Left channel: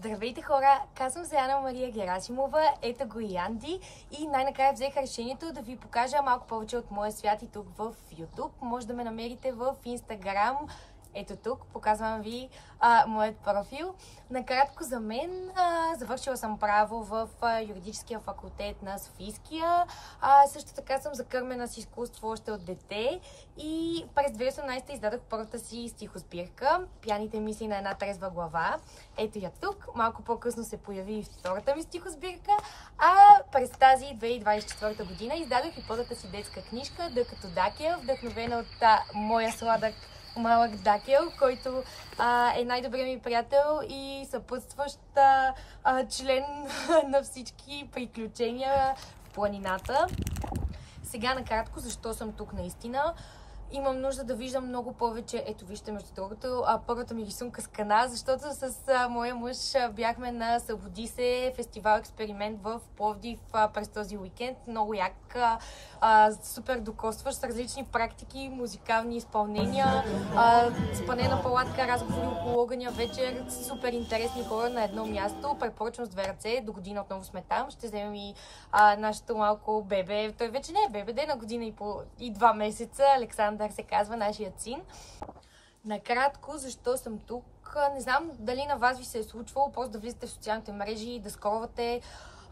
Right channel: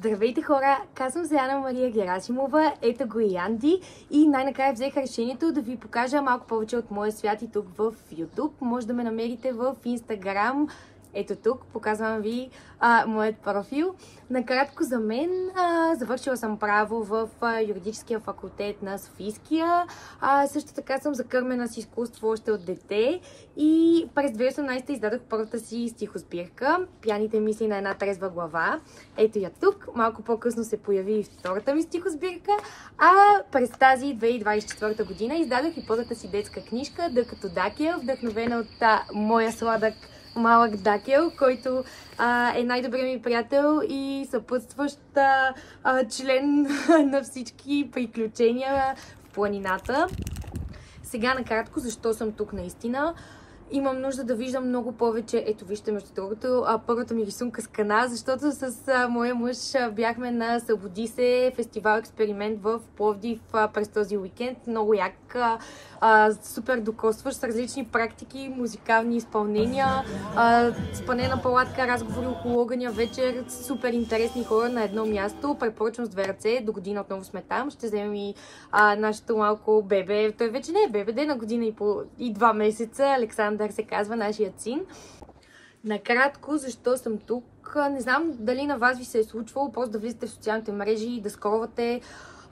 Здравейте хора, казвам се Ана Мария Герасимова, ето го и Анди и най-накрая взех решението да ви покажа малко повече от моя свят и тук в YouTube. Може да ме намерите в Instagram. Ето тук, показвам ви моят профил. Накратко за мен, завършила съм право в юридическия факултет на Софийския. Също така съм закърмена с изкуство още от дете и през 2018 издадох първата си стихосбирка "Пияните мисли на една трезва глава". Ето я тук. Малко по-късно се появи и втората ми стихосбирка, а през тази 2024 година издадох и първата си детска книжка "Д като Дакел", вдъхновена от моя сладък малък Дакел, който е най-добрият ми приятел и съпътстващ член на всички приключения в планината. Сега накратко, защо съм тук наистина. Имам нужда да виждам много повече. Ето вижте, между другото, първата ми рисунка с кана, защото с моя мъж бяхме на Събуди се фестивал експеримент в Пловдив през този уикенд. Много як, супер докосващ, с различни практики, музикални изпълнения, спане на палатка, разговори около огъня, вечер, супер интересни хора на едно място. Препоръчвам с две ръце, до година отново сме там. Ще вземем и нашето малко бебе. Той вече не е бебе, де на година и 2 месеца. Александър се казва, нашият син. Накратко, защо съм тук? Не знам дали на вас ви се е случвало просто да влизате в социалните мрежи и да скровате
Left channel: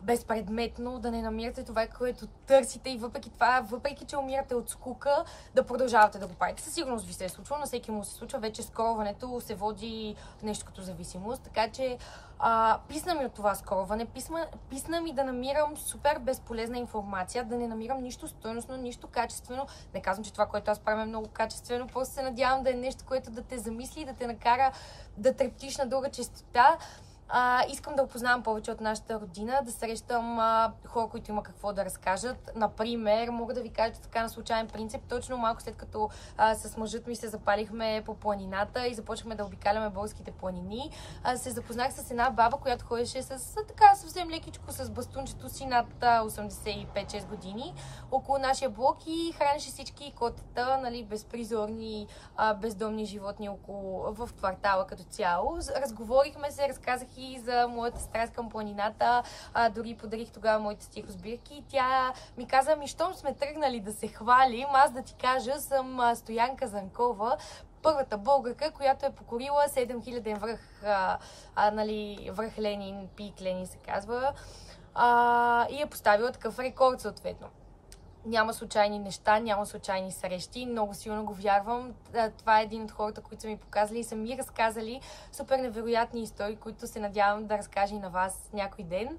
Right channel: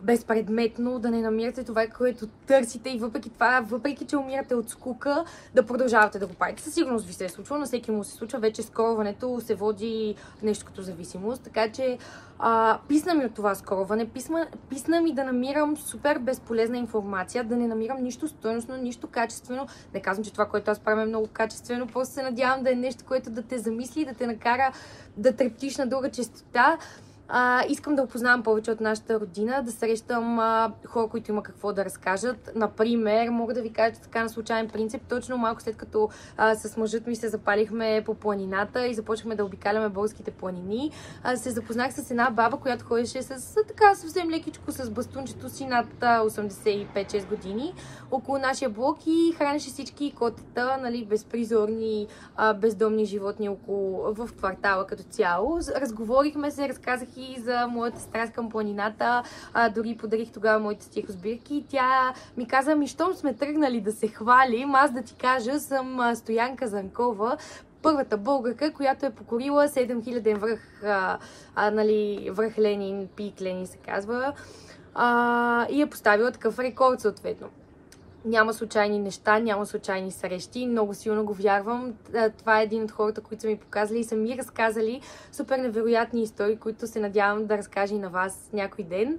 безпредметно, да не намирате това, което търсите и въпреки това, въпреки че умирате от скука, да продължавате да го правите. Със сигурност ви се е случвало, на всеки му се случва, вече скроването се води нещо като зависимост, така че писна ми от това скроване, писна ми да намирам супер безполезна информация, да не намирам нищо стойностно, нищо качествено. Не казвам, че това, което аз правя е много качествено, просто се надявам да е нещо, което да те замисли, да те накара да трептиш на друга честота. Искам да опознавам повече от нашата родина, да срещам хора, които има какво да разкажат. Например, мога да ви кажа така на случайен принцип, точно малко след като с мъжът ми се запалихме по планината и започнахме да обикаляме българските планини, се запознах с една баба, която ходеше с така съвсем лекичко с бастунчето си над 85-6 години около нашия блок и хранеше всички котета, нали, безпризорни, бездомни животни в квартала като цяло. Разговорихме се, разказах и за моята страст към планината, дори подарих тогава моите стихосбирки и тя ми каза: щом сме тръгнали да се хвалим, аз да ти кажа, съм Стоянка Занкова, първата българка, която е покорила 7000 връх, връх Ленин, пик Ленин се казва, и е поставила такъв рекорд съответно. Няма случайни неща, няма случайни срещи. Много силно го вярвам. Това е един от хората, които са ми показали и са ми разказали супер невероятни истории, които се надявам да разкажа и на вас някой ден.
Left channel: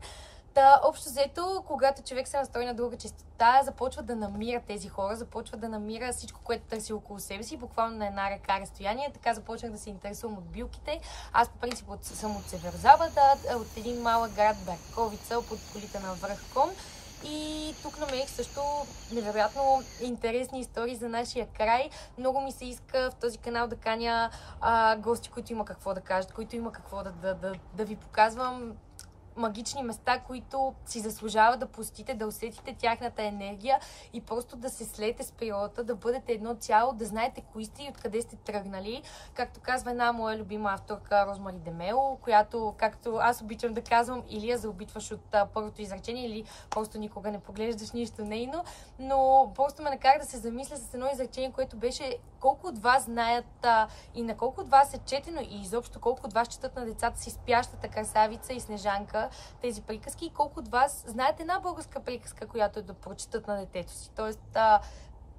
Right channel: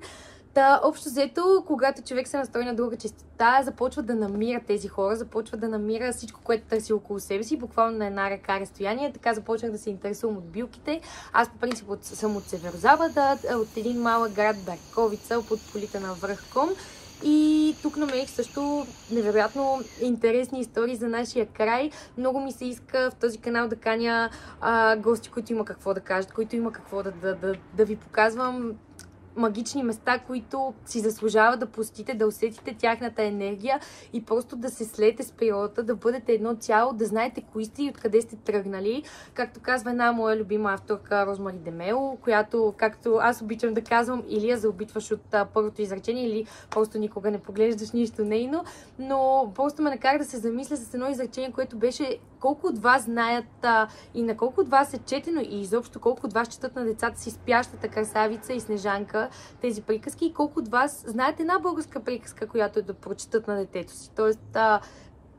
Общо взето, когато човек се настрои на друга честота, започва да намира тези хора, започва да намира всичко, което търси около себе си, буквално на една ръка разстояние. Така започнах да се интересувам от билките. Аз по принцип съм от Северозапада, от един малък град Берковица, под полите на връх Ком. И тук намерих също невероятно интересни истории за нашия край. Много ми се иска в този канал да каня гости, които има какво да кажат, които има какво да ви показвам. Магични места, които си заслужава да посетите, да усетите тяхната енергия и просто да се слеете с природата, да бъдете едно цяло, да знаете кои сте и откъде сте тръгнали. Както казва една моя любима авторка Розмари Демело, която, както аз обичам да казвам, или я заобитваш от първото изречение, или просто никога не поглеждаш нищо нейно, но просто ме накара да се замисля с едно изречение, което беше: колко от вас знаят и на колко от вас е четено и изобщо колко от вас четат на децата си Спящата красавица и Снежанка тези приказки и колко от вас знаят една българска приказка, която е да прочетат на детето си. Тоест,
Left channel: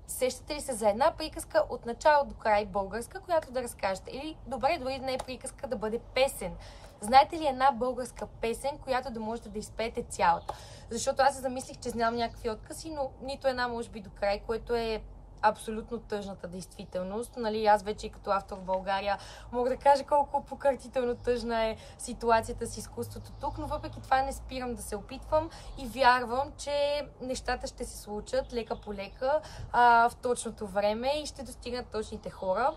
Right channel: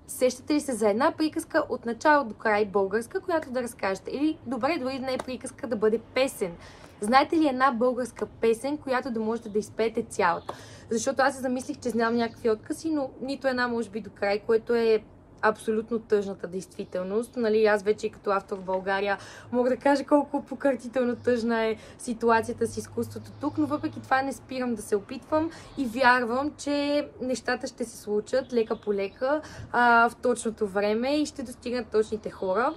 сещате ли се за една приказка от начало до край българска, която да разкажете? Или добре, дори да не е приказка, да бъде песен. Знаете ли една българска песен, която да можете да изпеете цялата? Защото аз се замислих, че знам някакви откази, но нито една може би до край, което е абсолютно тъжната действителност. Нали, аз вече като автор в България мога да кажа колко покъртително тъжна е ситуацията с изкуството тук, но въпреки това не спирам да се опитвам и вярвам, че нещата ще се случат лека по лека в точното време и ще достигнат точните хора.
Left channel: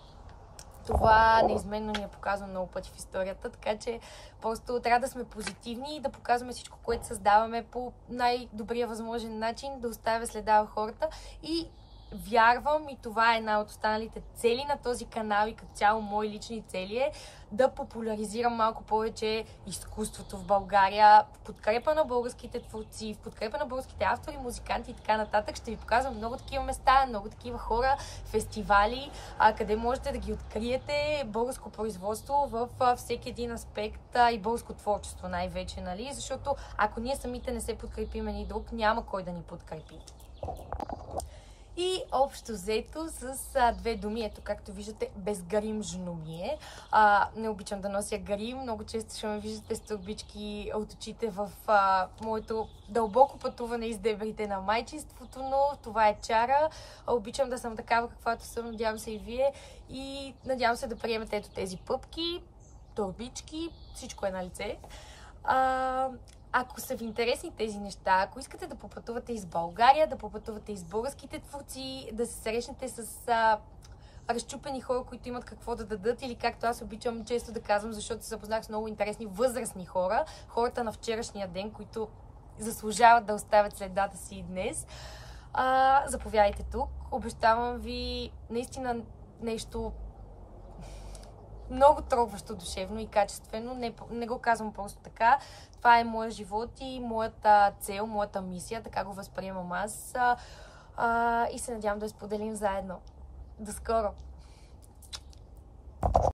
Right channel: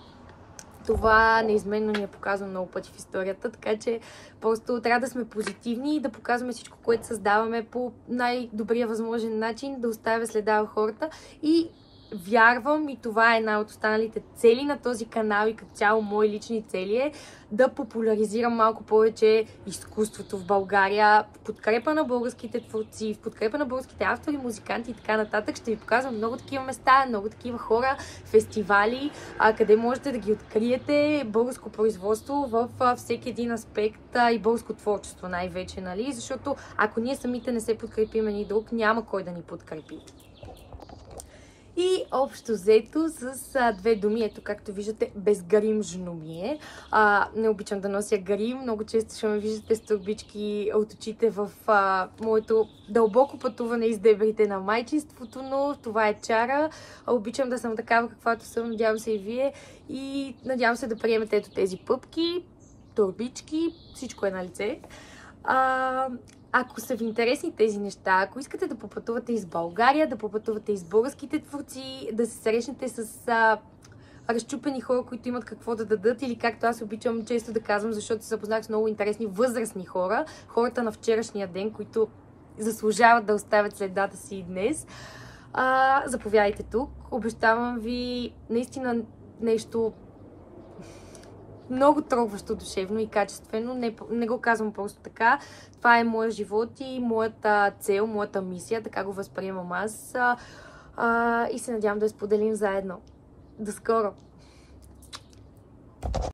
Това неизменно ни е показано много пъти в историята, така че просто трябва да сме позитивни и да показваме всичко, което създаваме по най-добрия възможен начин, да оставя следа в хората и вярвам и това е една от останалите цели на този канал и като цяло мои лични цели е да популяризирам малко повече изкуството в България, в подкрепа на българските творци, в подкрепа на българските автори, музиканти и така нататък. Ще ви показвам много такива места, много такива хора, фестивали, къде можете да ги откриете, българско производство в всеки един аспект и българско творчество най-вече, нали? Защото ако ние самите не се подкрепим един друг, няма кой да ни подкрепи. И общо взето с две думи, ето както виждате, безгримжно ми е. Не обичам да нося грим, много често ще ме виждате с турбички от очите в моето дълбоко пътуване из дебрите на майчинството, но това е чара. Обичам да съм такава каквато съм, надявам се и вие и надявам се да приемете ето тези пъпки, турбички, всичко е на лице. Ако са ви интересни тези неща, ако искате да попътувате из България, да попътувате из българските творци, да се срещнете с разчупени хора, които имат какво да дадат или както аз обичам често да казвам, защото се запознах с много интересни възрастни хора, хората на вчерашния ден, които заслужават да оставят следата си и днес, заповядайте тук. Обещавам ви наистина нещо много трогващо душевно и качествено. Не го казвам просто така. Това е моят живот и моята цел, моята мисия. Така го възприемам аз. И се надявам да я споделим заедно. До скоро!